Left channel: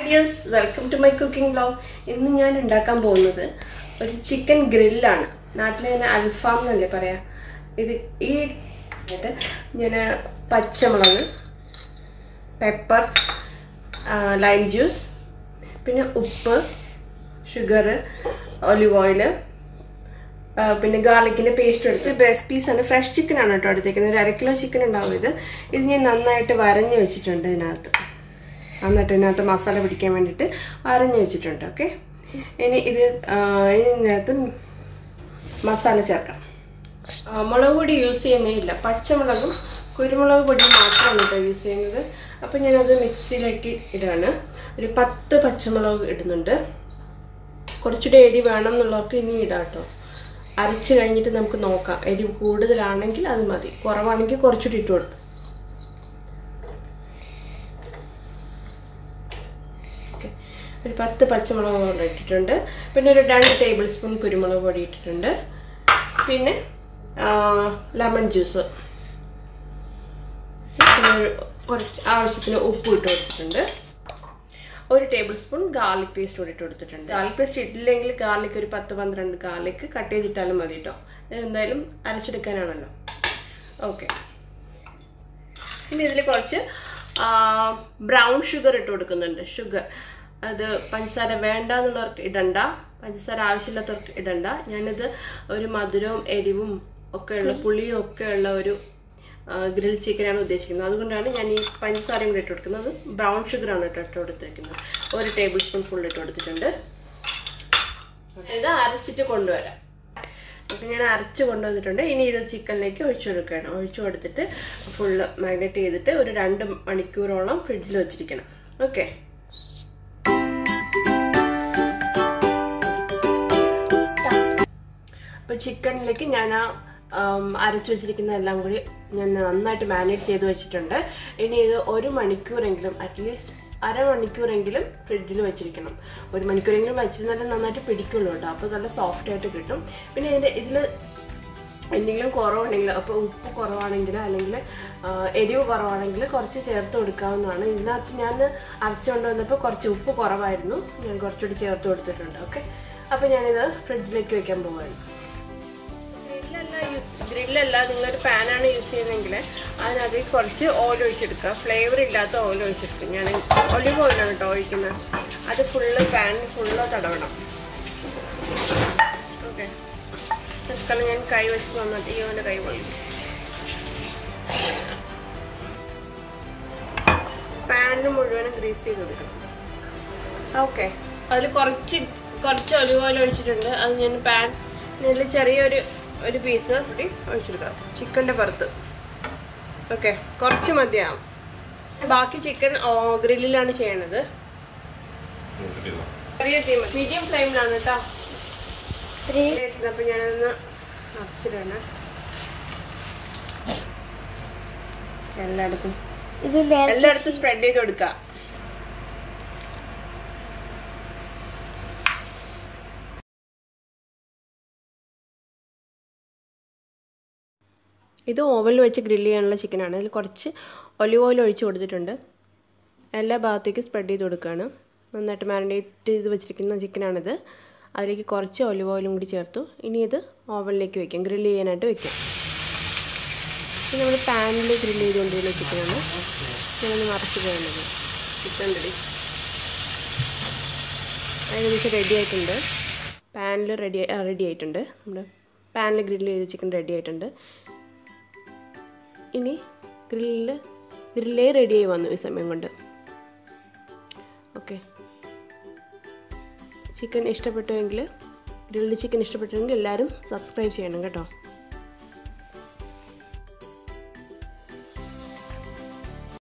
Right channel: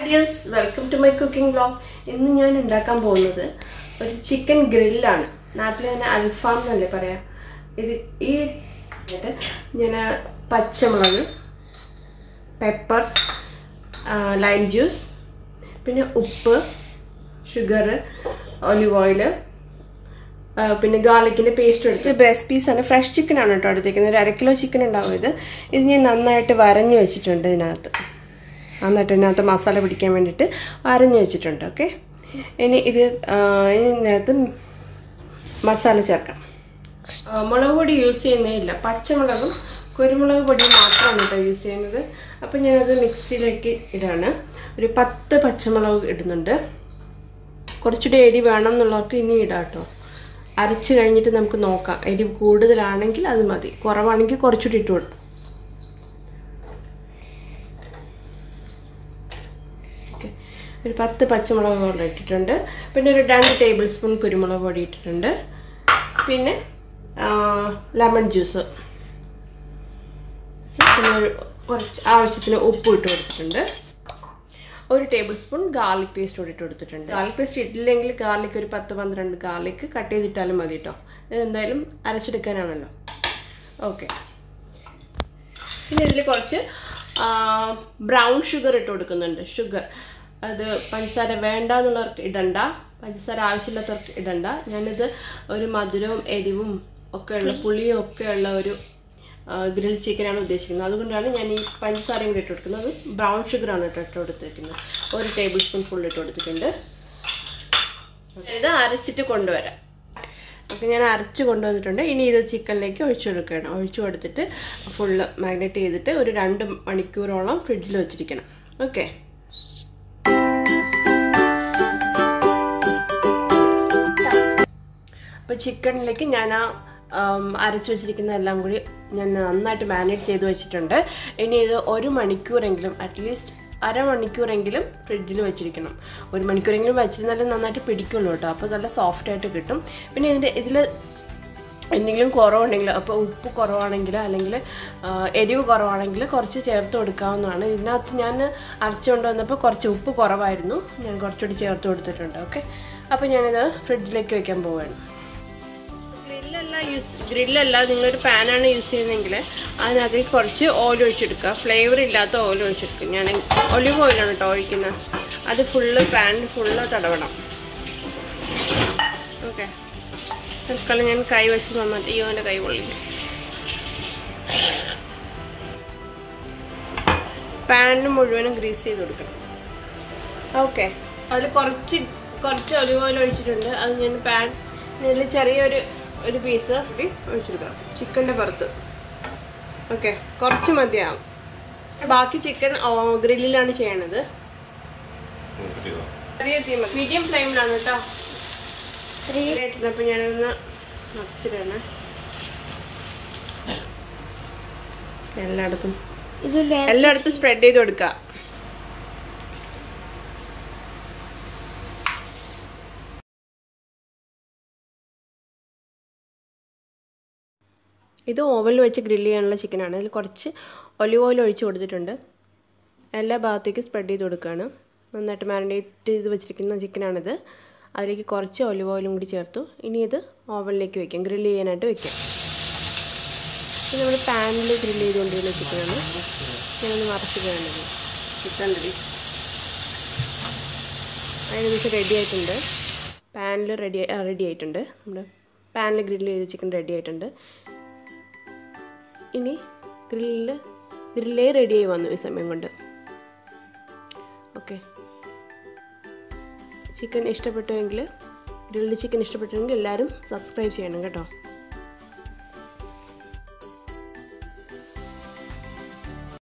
Yes, welcome to my cooking vlog. ഇന്ന് ഞാൻ ഉണ്ടാക്കാൻ പോകുന്നത് ഒരു ചിക്കൻ ഗ്രില്ലാണ്. നാട്ടിലെ അൽഫാം എന്നല്ലേ പറയാ. ഇത് ഈ ഞാൻ പച്ചമുളക്, പെപ്പർ, ലൈം ജ്യൂസ്, പിന്നെ ഉപ്പ്, ഷുഗർ, ഒലിവ് ഓയിൽ, പിന്നെ ഗാർലിക്കിന്റെ പേസ്റ്റ് എടുത്ത് ബ്രസ്റ്റ് പീസ് ആണ്. ഫ്രഷ് ചിക്കൻ ആണ് കേട്ടോ എടുത്തേക്കുന്നത്. ഒരു 1/2 കിലോ ചിക്കൻ ഉണ്ടാവും. ഇത് ഞാൻ നന്നായിട്ട് വരഞ്ഞു വെച്ചിട്ടുണ്ട്. എന്നിട്ട് ഇതിനകത്ത് മസാല പിടിക്കാൻ വേണ്ടിയിട്ട് അരഞ്ഞു വെച്ചിട്ടുണ്ട്. ഓക്കെ, ഇനി ഇതിനകത്ത് മസാല ചേർക്കാം. മുളക് പൊടി യൂസ് ചെയ്യുന്നില്ല, പച്ചമുളകും കുരുമുളക് പൊടിയും മാത്രമാണ് കേട്ടോ യൂസ് ചെയ്യുന്നത്. അപ്പം ഞാനത് മിക്സിയിലേക്ക് ഇടാണ്. ഒരു 10 പച്ചമുളക് ഇടുന്നുണ്ട്. കുറച്ചുകൂടി എരി വേണം എന്നുള്ളവർക്ക് ഇനി ഇടാം കേട്ടോ. അരച്ച് കഴിഞ്ഞിട്ട് നമുക്ക് നോക്കാം. എരി കൂടുതലാണെങ്കിൽ അത് മതി, കുറവാണെങ്കിൽ കുറച്ചുകൂടി ഇട്ട് കൊടുത്തു. ഒരു 10 പച്ചമുളക് കൊണ്ട് ഇട്ടിട്ടുണ്ട്. പിന്നെ ഒരു 2 ടേബിൾ സ്പൂൺ കുരുമുളക് പൊടി ഇട്ടിട്ടുണ്ട്. പിന്നെ ലെമൺ ജ്യൂസ്, പിന്നെ കുറച്ച് ആവശ്യത്തിന് ഉപ്പ് ഇട്ട് കൊടുത്തിട്ടുണ്ട്. 1 ടേബിൾ സ്പൂൺ ഗാർലിക് പേസ്റ്റ് കൂടി ഇട്ട് കൊടുത്തിട്ടുണ്ട്. ഗാർലിക് പേസ്റ്റ് ഇട്ടില്ലെങ്കിൽ ഗാർലിക് ഒരു 10-12 ഗാർലിക് കട്ട് ചെയ്തിട്ടാലും മതി കേട്ടോ. ഇത് എന്തായാലും അരച്ചെടുക്കാനാണല്ലോ. ഓക്കെ, പിന്നെ ഇതിൽ കുറച്ച് ബ്രൗൺ ഷുഗർ ഇട്ട് കൊടുക്കുന്നുണ്ട്. ഷുഗർ അത് പഞ്ചസാര വേണ്ടെന്നുള്ളവർക്ക് ഇടണ്ട, പഞ്ചസാര ആവശ്യമില്ലാത്തവർക്ക് ഇടണ്ട. ഞാനിത് ഒരു മധുരവും എരിവും ഒക്കെ ഉള്ള പുളിയും ഒക്കെ ഉള്ള ഒരു ഗ്രിൽ ചിക്കനാണ് ഉദ്ദേശിക്കുന്നത്. അതുകൊണ്ടാണ് ഞാൻ ഈ പഞ്ചസാരയും കൂടി ഇട്ട് കൊടുക്കുന്നത്. ബ്രൗൺ ഷുഗറാണ് ഇട്ട് കൊടുത്തിരിക്കുന്നത്. 1 ടേബിൾ സ്പൂൺ ഫുൾ ഇട്ട് കൊടുത്തിട്ടുണ്ട്. ഇത് അരച്ചിട്ട് കൊണ്ടുവരാം. അപ്പം ഞാൻ അരച്ച് കൊണ്ടുവന്നിട്ടുണ്ട്. ഇനി ഇത് ചിക്കനിലേക്ക് ഒഴിച്ചു കൊടുക്കണം. ഒഴിച്ചു കൊടുത്തിട്ട് ഫുള്ള് മാഗ്നേറ്റ് ചെയ്തിട്ട് ഒരു 2 മണിക്കൂറോളം ഫ്രിഡ്ജിൽ വെച്ചിരിക്കണം. ഓക്കെ, അപ്പോൾ ചിക്കനിലേക്ക് ഞാൻ അരച്ചു വെച്ചിരിക്കുന്ന എല്ലാം കൂടി ഞാൻ നന്നായിട്ട് മാരിനേറ്റ് ചെയ്ത് വെച്ചിട്ടുണ്ട്. ഇനി ഇത് 1 മണിക്കൂറെങ്കിലും, അറ്റ്ലീസ്റ്റ് അരമണിക്കൂറെങ്കിലും ഫ്രിഡ്ജിൽ വെച്ചിരിക്കണം. 1 മണിക്കൂറെങ്കിലും വെച്ചിരുന്നാലും നന്നായിട്ട് പിടിക്കുള്ളൂ കേട്ടോ. അപ്പോൾ നല്ല സോഫ്റ്റ് ആയിട്ട് കിട്ടും. പിന്നെ ഇതിൽ എന്തെങ്കിലും കുറവുണ്ടെങ്കിൽ, അപ്പോൾ ഉപ്പ് കുറവാണെങ്കിൽ അല്ലെങ്കിൽ എരിവ് കുറവാണെങ്കിൽ കുറച്ച് ചേർത്ത് കൊടുക്കാവുന്നതാണ്. ഇതിനകത്ത് ഞാൻ അരച്ചു കൊണ്ടുവന്നപ്പോൾ കുറച്ച് ഉപ്പ് കുറവായിരുന്നു, ഞാൻ കുറച്ചുകൂടി ചേർത്ത് കൊടുത്തിട്ടുണ്ട്. ഓക്കെ, അപ്പോൾ ഞാനിത് ഫ്രിഡ്ജിലേക്ക് വെക്കാൻ പോവുകയാണ്. ഗ്രില്ലല്ല, നിങ്ങളൊരു പാനാണ് യൂസ് ചെയ്യുന്നതെങ്കിൽ അതിനകത്ത് കുറച്ച് ഓയിൽ ഒഴിച്ചെടുക്കുക. ഫ്ലേവർ ഇല്ലാത്ത ഓയിൽ ഒഴിച്ചെടുക്കുക. ഞാൻ ഒലിവ് ഓയിലാണ് കേട്ടോ ഒഴിക്കുന്നത്. അത് പാനിൽ ഫുള്ള് തടവണം. ഓക്കെ, തൽക്കാലം ഞാൻ കൈ വെച്ച് നന്നായിട്ട് ഇവൻ്റെ കൈ പൊള്ളി. പാനിന് മുഴുവനും ഗ്രീസ് ചെയ്ത് കൊടുക്കണം. ഓക്കെ, അതിൽ കുറച്ച് ഒലിവ് ഓയിൽ ഒഴിച്ചിട്ടുണ്ട്. അത് ഞാൻ പാനിൽ ചെറിയൊരു പീസ് കൂടി ഒഴിച്ചെടുക്കാം ചിക്കൻ്റെ പുറത്ത്. ഓക്കെ, കുറച്ച് മതിയാവും. ബാക്കി ചിക്കൻ ഗ്രില്ലിലാണ് ചെയ്യണത്. ചെറിയ തീ മതി, മീഡിയം ഫ്ലെയിമിലാണ് കേട്ടോ. അപ്പം ഞാനൊന്ന് അടച്ചിട്ടാണ് എല്ലായിടത്തും സ്പ്രെഡ് ചെയ്ത് കൊടുക്കാം. ഇത് ഓവനിൽ വെച്ച് ഗ്രില്ല് ചെയ്യാനുള്ള ചിക്കനാണ്. അതിൽ കുറച്ച് ഒലിവ് ഓയിൽ ഒഴിച്ച് കൊടുത്തിട്ടുണ്ട്. എല്ലാ ഭാഗത്തേക്കും സ്പ്രെഡ് ചെയ്ത് കൊടുക്കുകയാണ്. നന്നായിട്ട് മാരിനേറ്റ് ചെയ്ത് വെച്ചിരിക്കുന്ന ചിക്കനാണിത്. അതിലേക്ക് കുറച്ച് ഒലിവ് ഓയിലും കൂടി ചേർത്തു. ഇനി ഇത് ഓവനിലേക്ക് വയ്ക്കാം, ഗ്രില്ല് ചെയ്യാനായിട്ട് വയ്ക്കാം. ഇത് നമ്മൾ പാനിൽ ഗ്രില്ല് ചെയ്തുകൊണ്ടിരുന്ന ചിക്കനാണ്. ഞാനൊന്ന് മറച്ച് വേണ്ടത്. ചിക്കൻ ഏകദേശം റെഡി ആയിട്ടുണ്ട്. പാനിൽ റെഡി ആയിട്ടുണ്ട്. നമ്മുടെ പാനിൽ ഗ്രില്ല് ചെയ്ത ചിക്കൻ റെഡി ആയിട്ടുണ്ട്. ഇനി ഗ്രില്ലേ റെഡിയായി വന്നു ഈ സമയം കൊണ്ട്. ഓക്കെ, ചിക്കൻ ഇഷ്ടപ്പെട്ടുവെങ്കിൽ, ഗ്രിൽഡ് ചിക്കൻ ഇഷ്ടപ്പെട്ടുവെങ്കിൽ എല്ലാവരും സബ്സ്ക്രൈബ് ചെയ്യണം കേട്ടോ.